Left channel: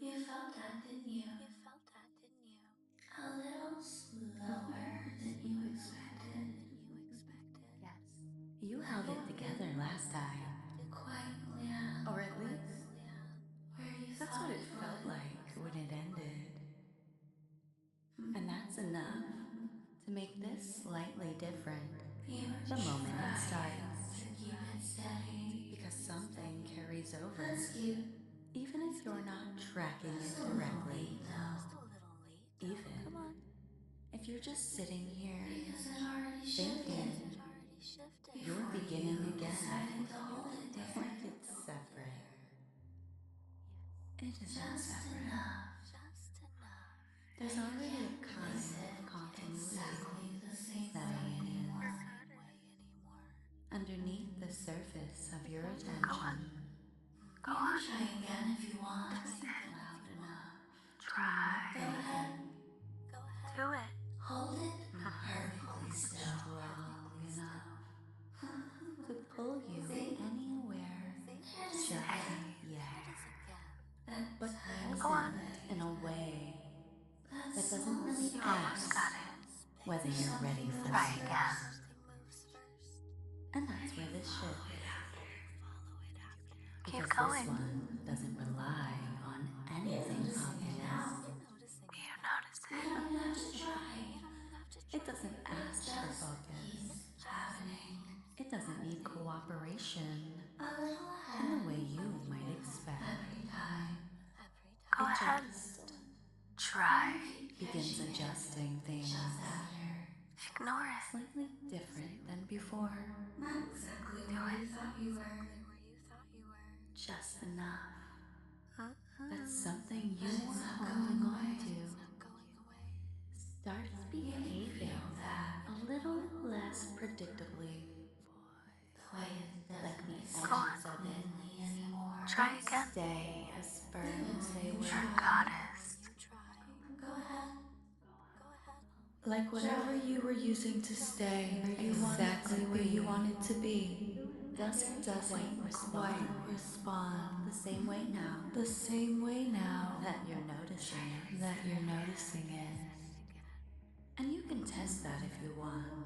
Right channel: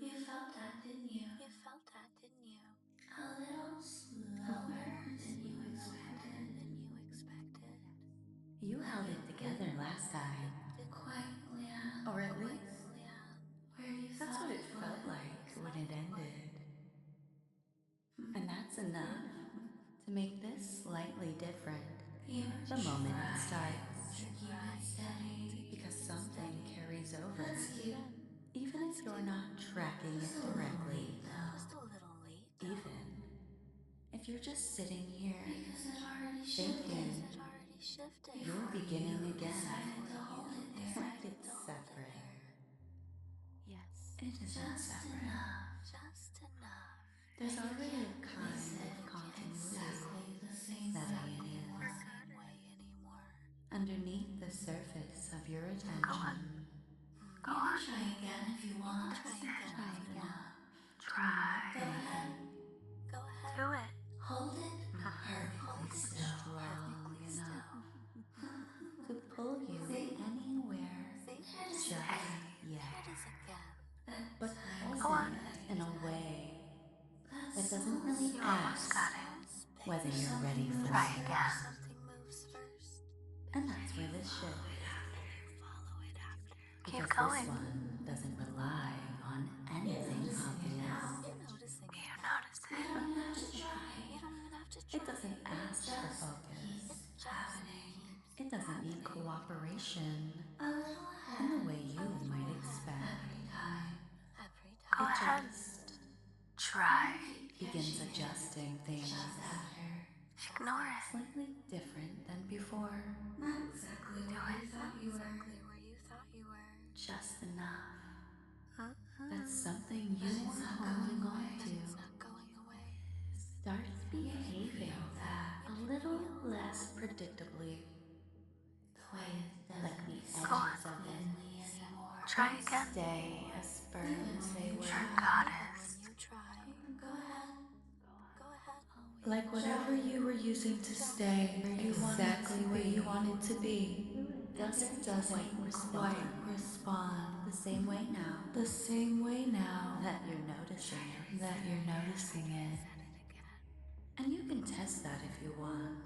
You felt that, didn't you? A little slower than you expected. Yes. You held it together last time. Quite, yeah. Or at least, Where you that's what it felt like when it ended. And that's enough to make this slightly different the moment it starts. to keep it steady. Because something carries over, even if you're not tracking it directly. Even if you're just sitting here Because it already thinking you're beginning again, to hold it there. like it's separate. Yes, it isn't separate. There's already a kind of continuity settling in underneath the surface of your attention. Go on. Try again if you want. This isn't loud enough. Try. Anything. Do it. Hold it. Not perfectly strong enough to pull you anywhere just yet, but present in a way that doesn't really ask whether you're ready for Try it. again. And that's where this shift. Keep Because going. this one doesn't rely on anything obvious. You notice it. You don't have to try. It doesn't ask for focus. Happening. It doesn't need cooperation A little ahead. in the way you might expect. Every time. It ahead. just Try. begins adjusting things Ignore it. slightly different than before. Not exactly where you thought you were. Just enough that something you were holding on to starts behaving a little less predictably, The way it doesn't like the go edges on of it anymore. try again. Stay as firm as they were. Your goddess. Go ahead. Like whatever you were using to stay exactly where you wanted to be doesn't quite respond the same way now. The same way now that you're noticing it. And you can test that if you want.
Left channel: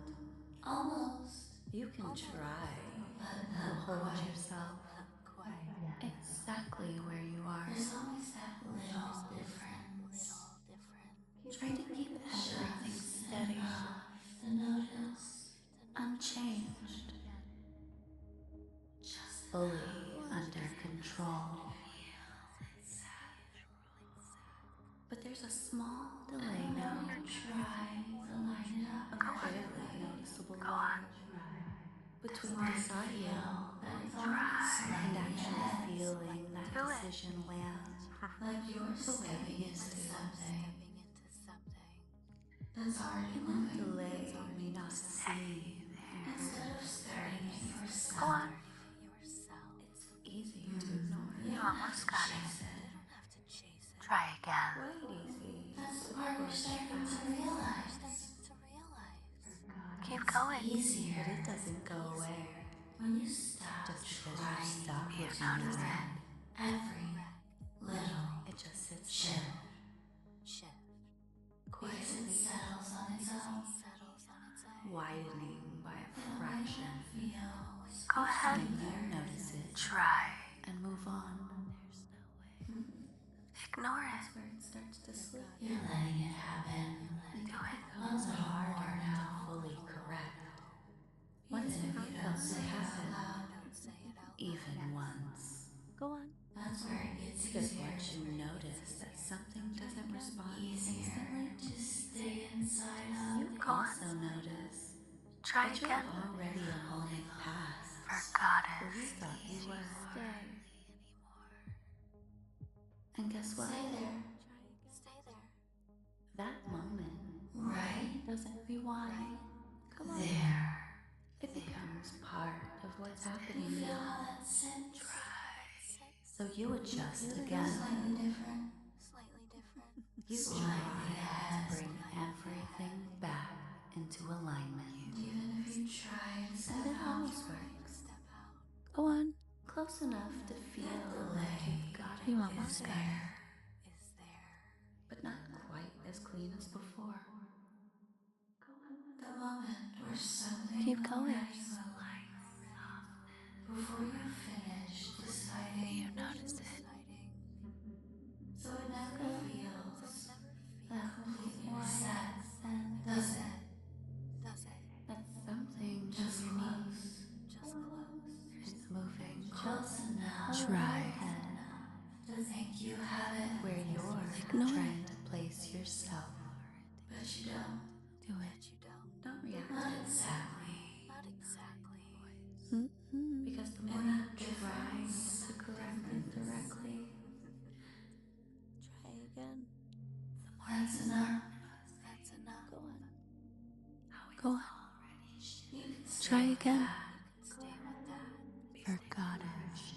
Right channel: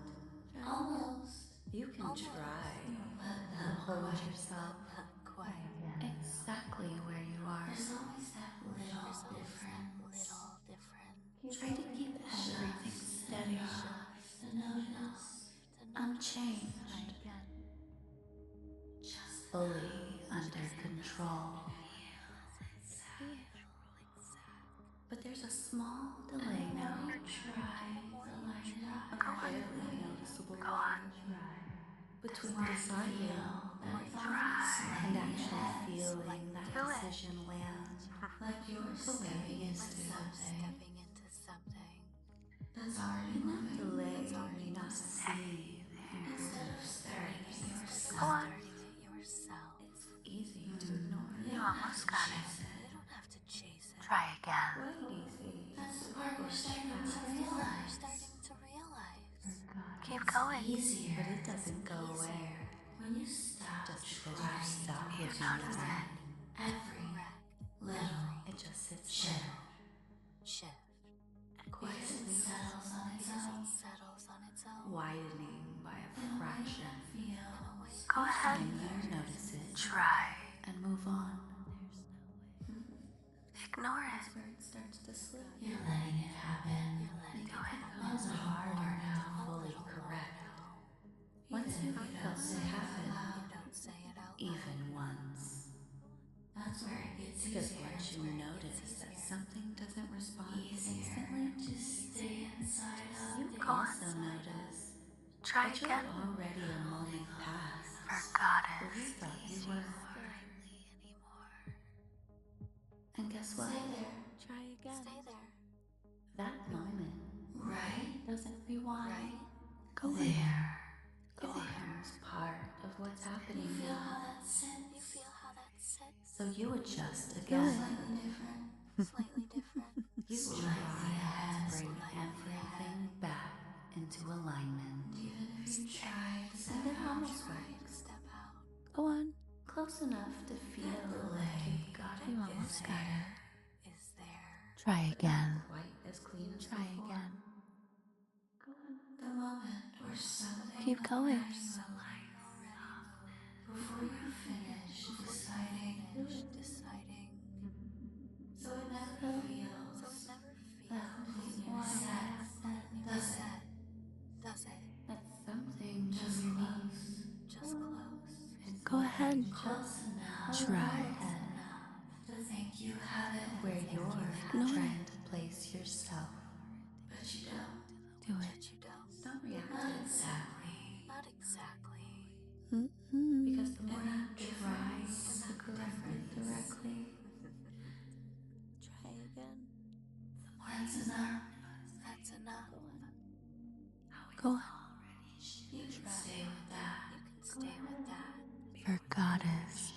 Almost. You can try to hold yourself exactly where you are. There's always that little difference. Try to keep everything steady, To notice. unchanged, fully under control. But there's a small delay now, Try to line it up. a barely noticeable one between deciding and actually feeling that decision land Like yours. the way it used to. That's already And that delay may not seem important at first. Go on. It's easy to ignore. You almost got it. Try again. Quite easy That's the to part we're brush starting to past. realize. Keep going. Easier, but it doesn't go away When you stop, just because you stop you looking at notice it. every little It just sits there, quietly settles on its own. widening by a fraction. Go ahead. Time you notice it Try. and move on. Ignore it. That's where it starts to slip. You're letting it happen, and it becomes harder to fully correct. Once you've felt it happen, even once. Go on. That's where it gets easier. Because once you notice that something doesn't respond instantly, To stay inside of. you also notice Try that you're again. already a moment past For where you goddess. thought you were. And guess what? Try again. That moment, right, doesn't rewind. Go on. There. It becomes part of what's happening Feel now. how that sits. So you adjust again. Different. You try to bring everything back into alignment. Even if you try to And it almost works. Go on. Close close enough to feel like you've got it. You almost got it. Try again. Not quite as clean as before. The moment where something Keep going. before you finish deciding You notice it. so it never feels that completely quiet, does it? That's something underneath. Go ahead. Just enough Try. to think you have it Where you're Ignore trying it. to place yourself, but you don't. Do it. Don't react to it exactly. Mm-hmm. Because the more you try to correct it directly, Try again. the more you start noticing. Go on. You can Try say again. that. For goddess.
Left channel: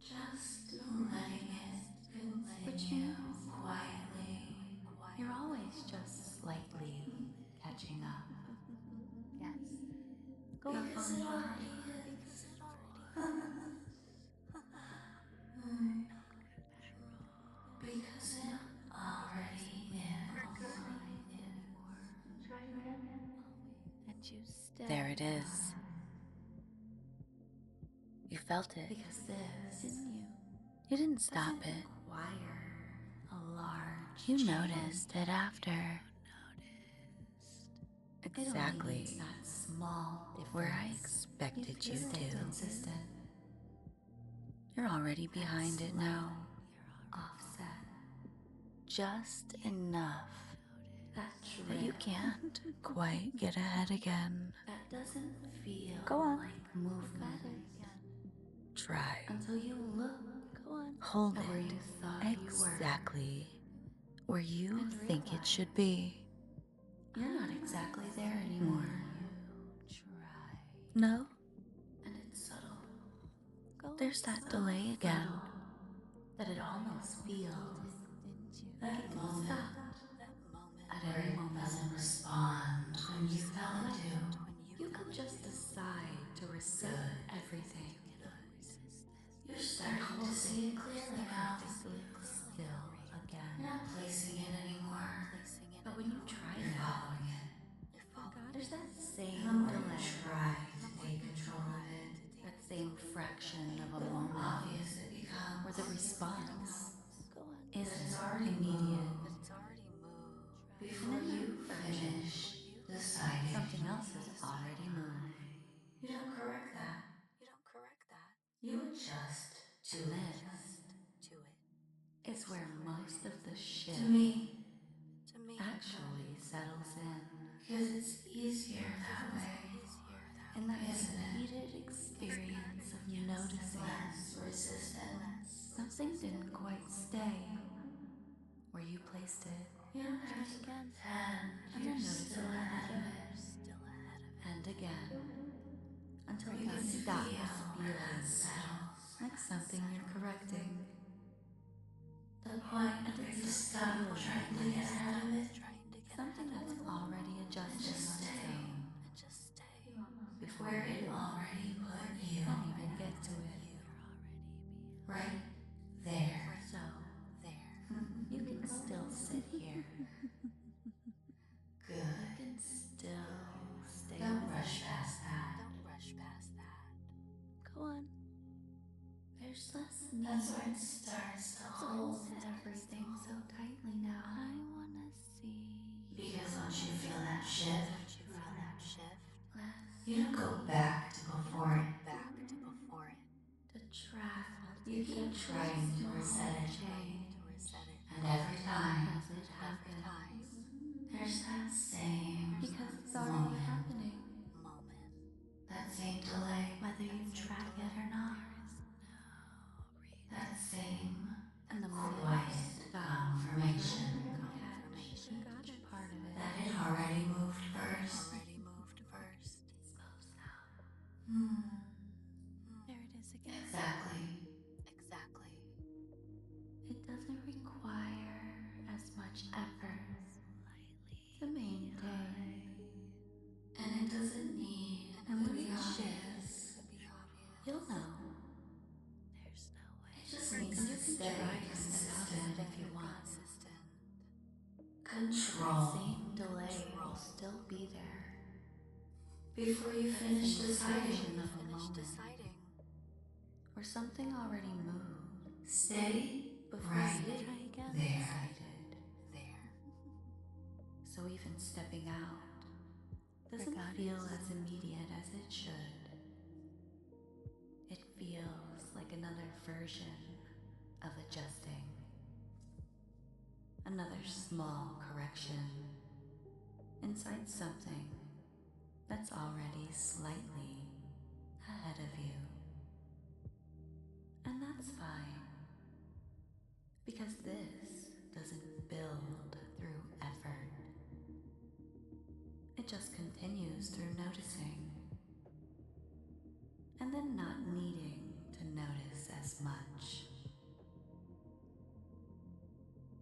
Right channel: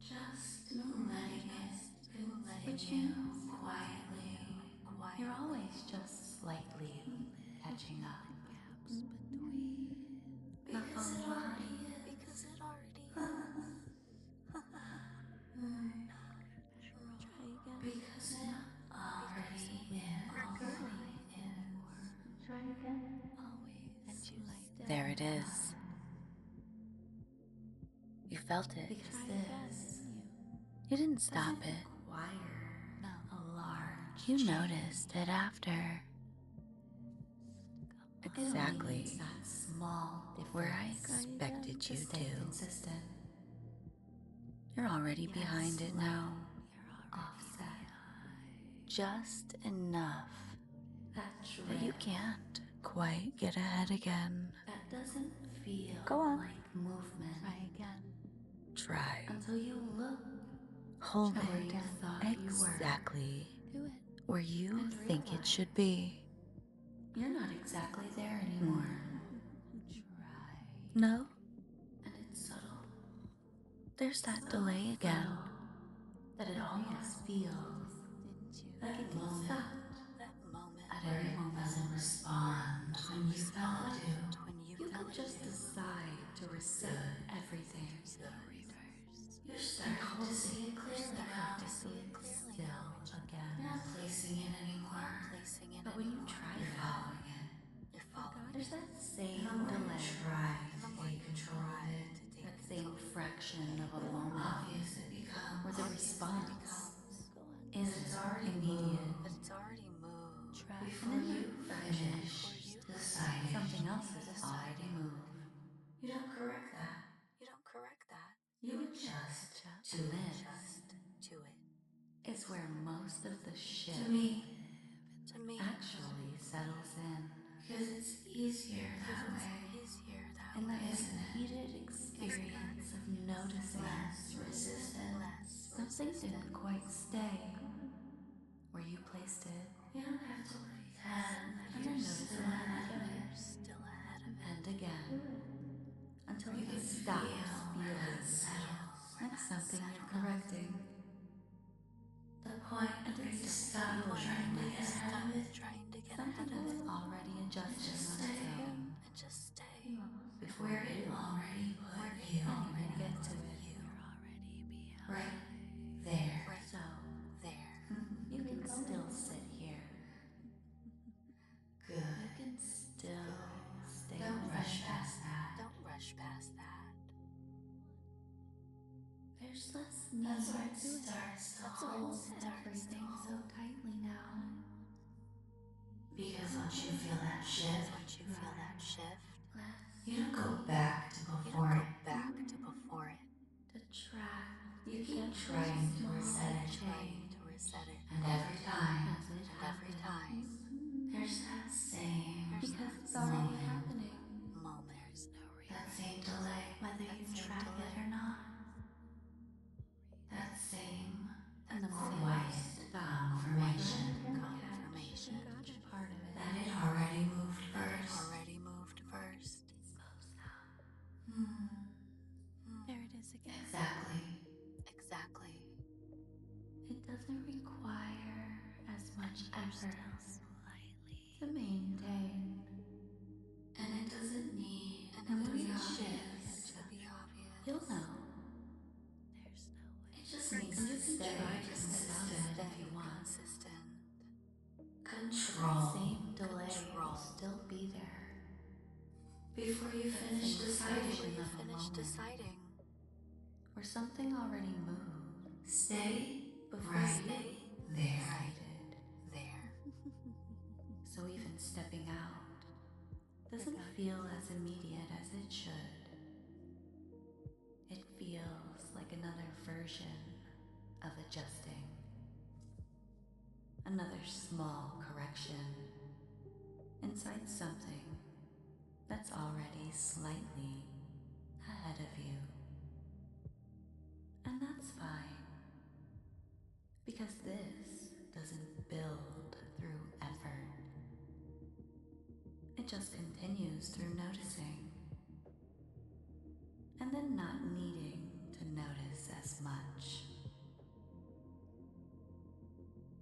Just letting it continue. Which means quietly. You're always just slightly catching up. Not falling behind. Because you're not already in behind anymore. Try again. And you stay. There it is. You felt it. Because this, you didn't stop it. A large You change. noticed it after. Exactly that small difference Where I expected you stay to. consistent. You're already behind it now. Offset. Just enough That that you drift can't quite get ahead again. that doesn't feel Go on. like movement Try. until you look Hold at where it you thought you were. exactly where you And think it should be. You're not exactly there anymore. No? And it's subtle. There's that delay again. That it almost feels like it can stop at any moment and respond when you felt it like you could just decide to reset everything. You're starting to see it clearly now. Perfectly still again. You're not placing it anymore. But when you try that, there's that same delay. Try to take control of it. That same fraction of a moment obvious it becomes where the response isn't immediate. And in that fraction, deciding something else has already moved. You don't correct that. You adjust. And this is where most of the shift actually settles in. Because it's easier that way. And that repeated experience of noticing resistance. Something didn't quite stay where you placed it. You don't have to pretend. And then noticing it again. And again. Until it stops feeling like something you're correcting. The point, and it starts feeling like something that's already adjusting on its own. Before you already put you and even get to it. Right there. So you can still sit here. Good. You can still stay with rush past that. Go on. There's less need starts to hold everything so tightly now. I wanna see. Because once you feel that shift, you don't go back to before it. To track, you keep trying to reset a change, and every time as it happens, there's that same, because it's already happening. That same delay, whether you track it or not. That same, and the moment you stop formation, trying to catch each part of it that it already moved first. It smooths out. There it is again. Exactly. It doesn't require as much effort to maintain, and it doesn't need. And when it shifts, just needs and you can try to step out of it if you want. Control. That same delay will still be there before you finish deciding of a moment where something already moved. Stay before you decided. So even stepping out doesn't feel as immediate as it should. It feels like another version of adjusting. Another small correction inside something that's already slightly ahead of you. And that's fine, because this doesn't build through effort. It just continues through noticing, and then not needing to notice as much.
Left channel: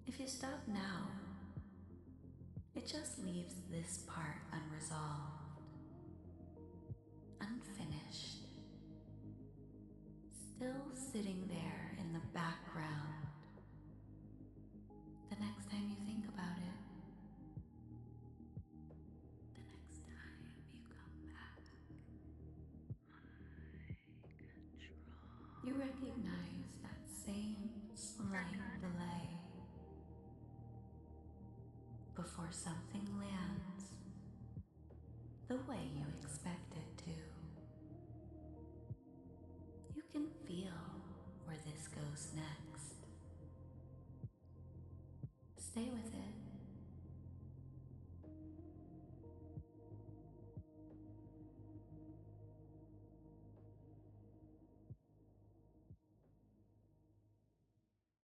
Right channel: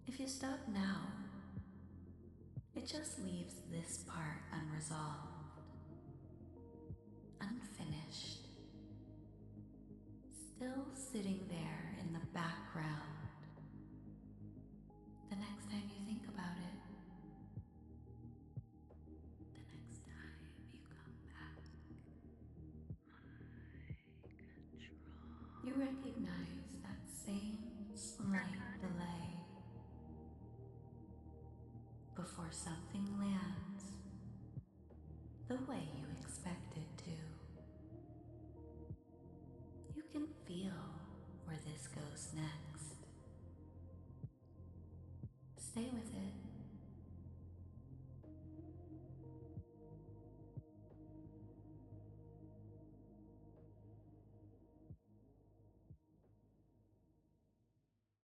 If you stop now, it just leaves this part unresolved, unfinished, still sitting there in the background. The next time you think about it, the next time you come back, you recognize that same slight delay before something lands the way you expect it to. You can feel where this goes next. Stay with it.